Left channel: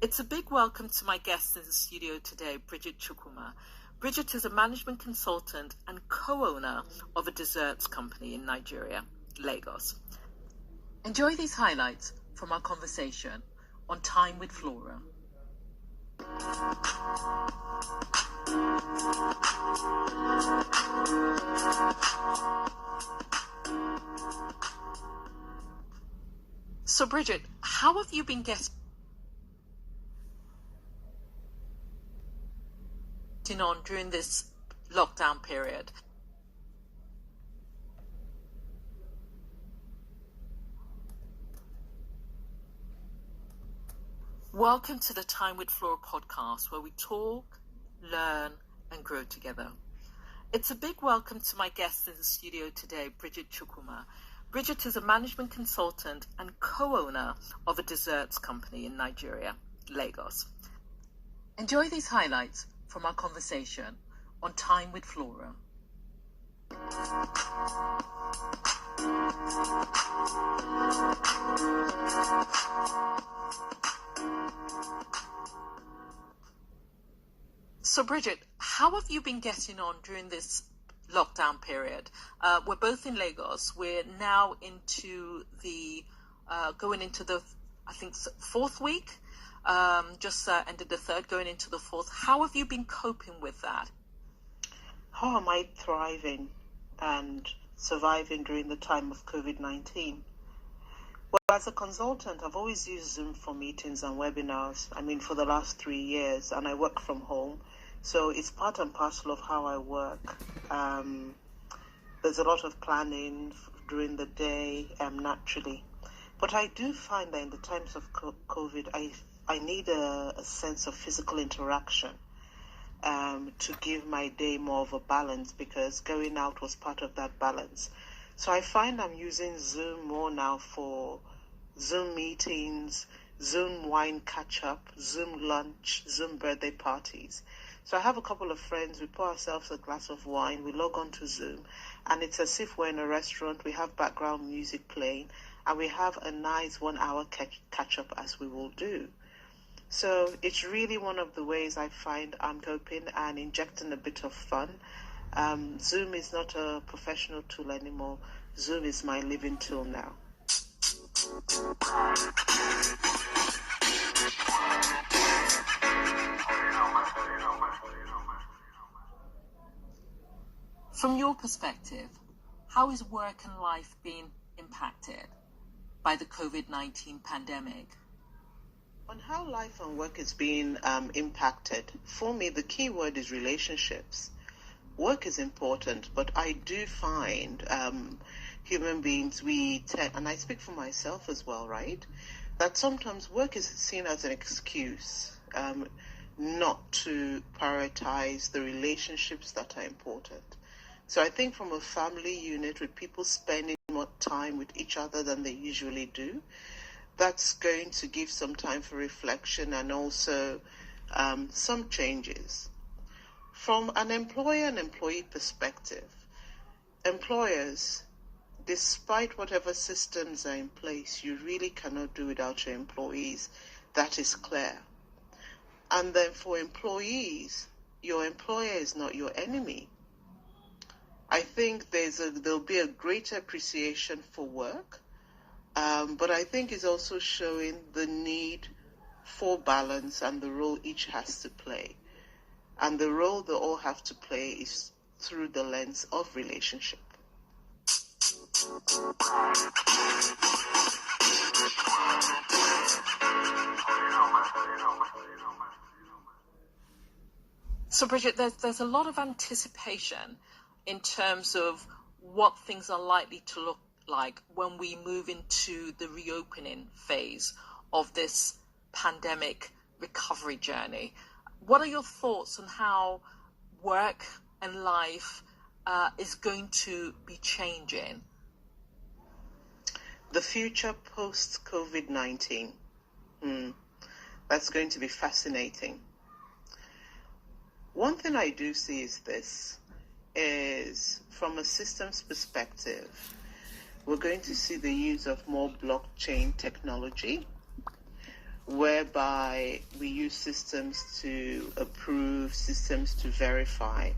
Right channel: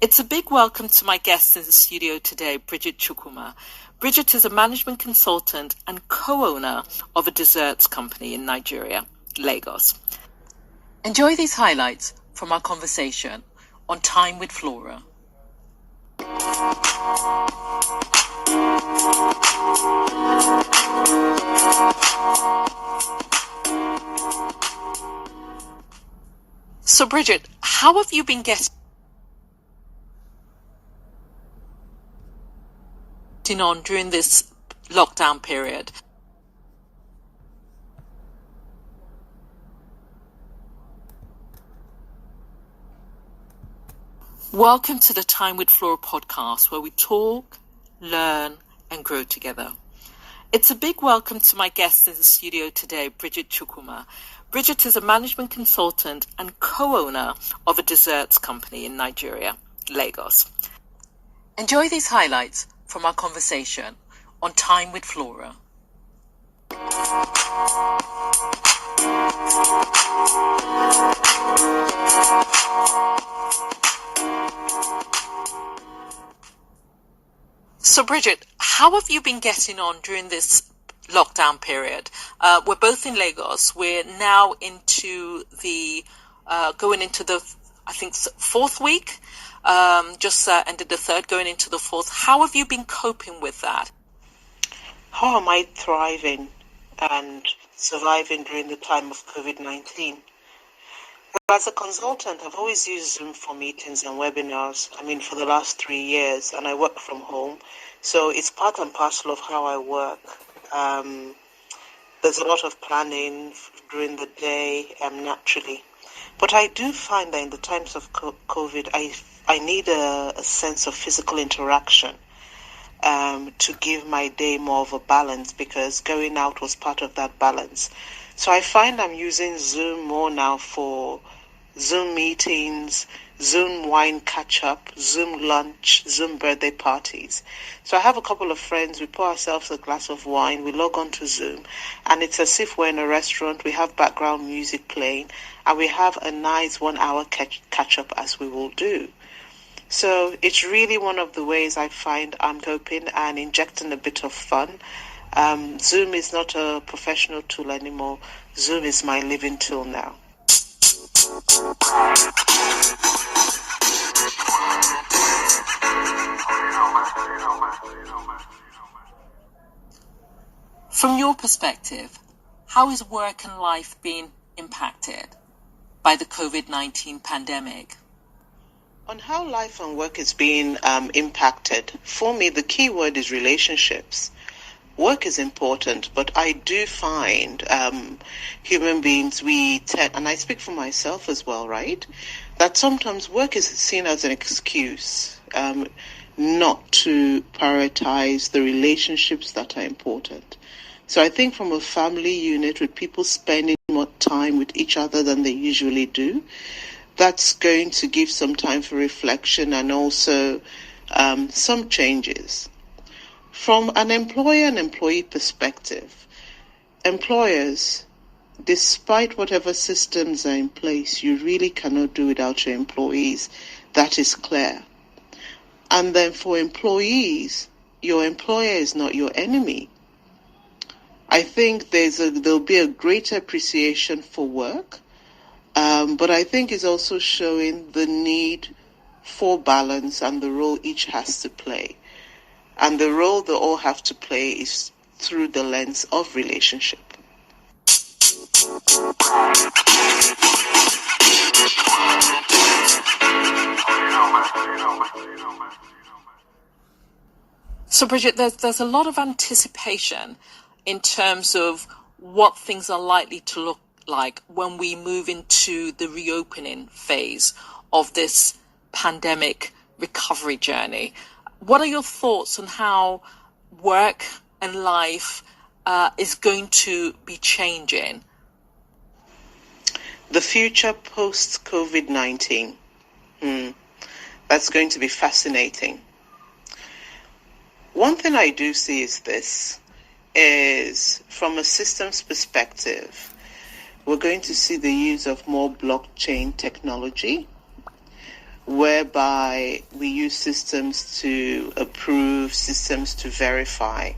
It's a big welcome to my guest in the studio today, Bridget Chukwuma. Bridget is a management consultant and co-owner of a desserts company in Nigeria, Lagos. Enjoy these highlights from our conversation on Time with FLORA. So Bridget, how have you been getting on during this lockdown period? Welcome to the Time with FLORA podcast, where we talk, learn, and grow together. It's a big welcome to my guest in the studio today, Bridget Chukwuma. Bridget is a management consultant and co-owner of a desserts company in Nigeria, Lagos. Enjoy these highlights from our conversation on Time with FLORA. So Bridget, how have you been getting on during this lockdown period? We're both in Lagos. We're now into the going into the, I think, fourth week. Just ended the third, going into the fourth. How have you been coping with that? How am I thriving and surviving during the time of COVID-19? Well, as a consultant, I've always used Zoom for meetings and webinars. For the last 3 years, and I work from home. So it's part and parcel of how I work. There's a lot of planning during the day, naturally. But I do find that in the times of COVID, I need a sense of physical interaction to give my day more of a balance, because going out was part of that balance. So I find I'm using Zoom more now for Zoom meetings, Zoom wine catch-up, Zoom lunch, Zoom birthday parties. So I have a couple of friends, we pour ourselves a glass of wine, we log on to Zoom, and it's as if we're in a restaurant, we have background music playing, and we have a nice 1 hour catch-up as we will do. So it's really one of the ways I find I'm coping and injecting a bit of fun. Zoom is not a professional tool anymore. Zoom is my living tool now. From your perspective, how is work and life being impacted by the COVID-19 pandemic? On how life and work is being impacted, for me, the key word is relationships. Work is important, but I do find human beings, and I speak for myself as well, right? That sometimes work is seen as an excuse not to prioritize the relationships that are important. So I think from a family unit, with people spending more time with each other than they usually do, that's going to give some time for reflection and also some changes. From an employer and employee perspective, employers, despite whatever systems are in place, you really cannot do without your employees. That is clear. And then for employees, your employer is not your enemy. I think there'll be a greater appreciation for work. But I think it's also showing the need for balance and the role each has to play. And the role they all have to play is through the lens of relationship. So Bridget, there's a lot of anticipation in terms of what things are likely to look like when we move into the reopening phase of this pandemic recovery journey. What are your thoughts on how work and life is going to be changing? The future post-COVID-19, that's going to be fascinating. One thing I do see is from a systems perspective, we're going to see the use of more blockchain technology. whereby we use systems to approve, systems to verify.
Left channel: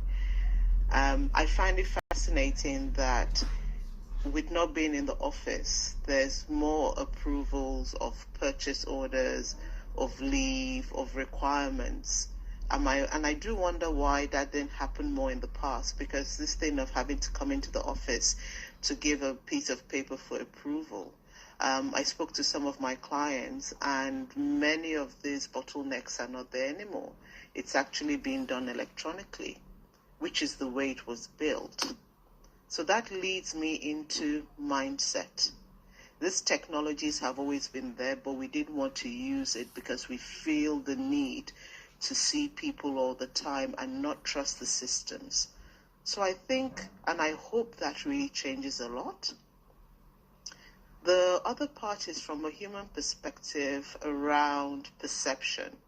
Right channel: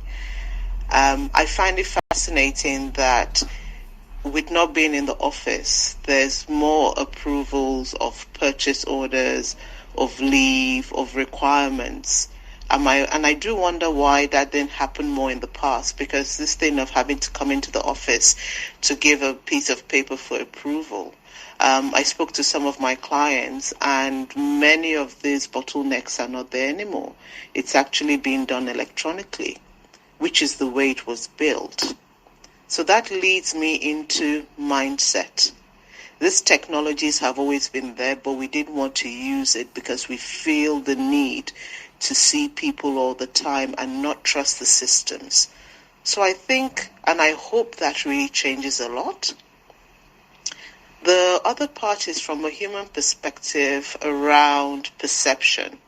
I find it fascinating that with not being in the office, there's more approvals of purchase orders, of leave, of requirements. And I do wonder why that didn't happen more in the past, because this thing of having to come into the office to give a piece of paper for approval. I spoke to some of my clients, and many of these bottlenecks are not there anymore. It's actually being done electronically, which is the way it was built. So that leads me into mindset. These technologies have always been there, but we didn't want to use it because we feel the need to see people all the time and not trust the systems. So I think, and I hope that really changes a lot. The other part is from a human perspective around perception.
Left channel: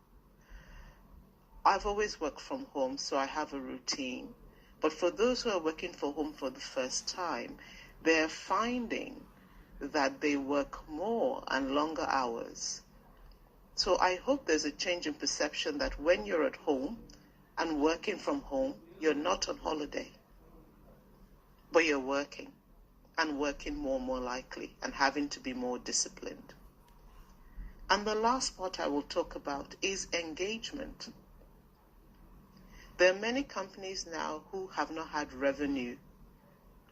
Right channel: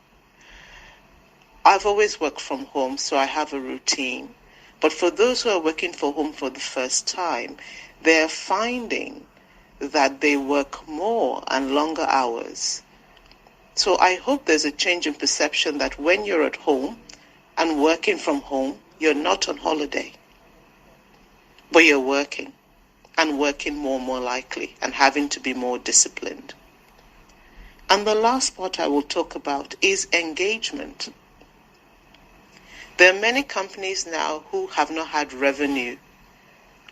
I've always worked from home, so I have a routine. But for those who are working from home for the first time, they're finding that they work more and longer hours. So I hope there's a change in perception that when you're at home and working from home, you're not on holiday, but you're working, and working more likely, and having to be more disciplined. And the last part I will talk about is engagement. There are many companies now who have not had revenue,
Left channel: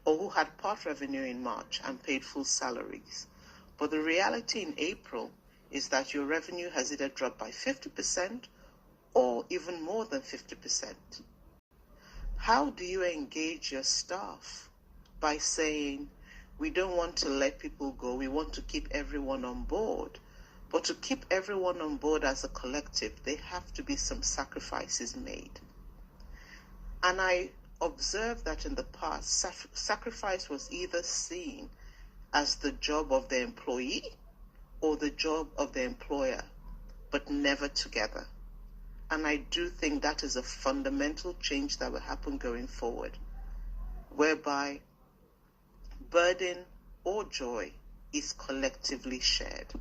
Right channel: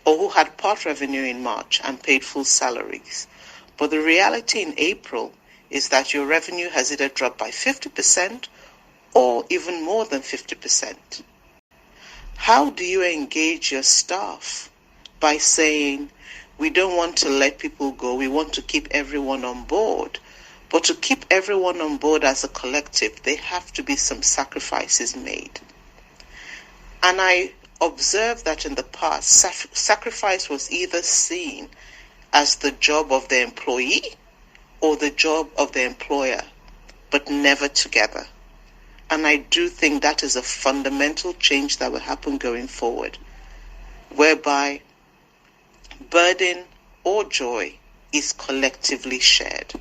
or who had part revenue in March and paid full salaries. But the reality in April is that your revenue has either dropped by 50% or even more than 50%. How do you engage your staff? By saying, we don't want to let people go, we want to keep everyone on board. But to keep everyone on board as a collective, there have to be some sacrifices made. And I observed that in the past, sacrifice was either seen as the job of the employee or the job of the employer, but never together. And I do think that is a fundamental change that will happen going forward, whereby burden or joy is collectively shared.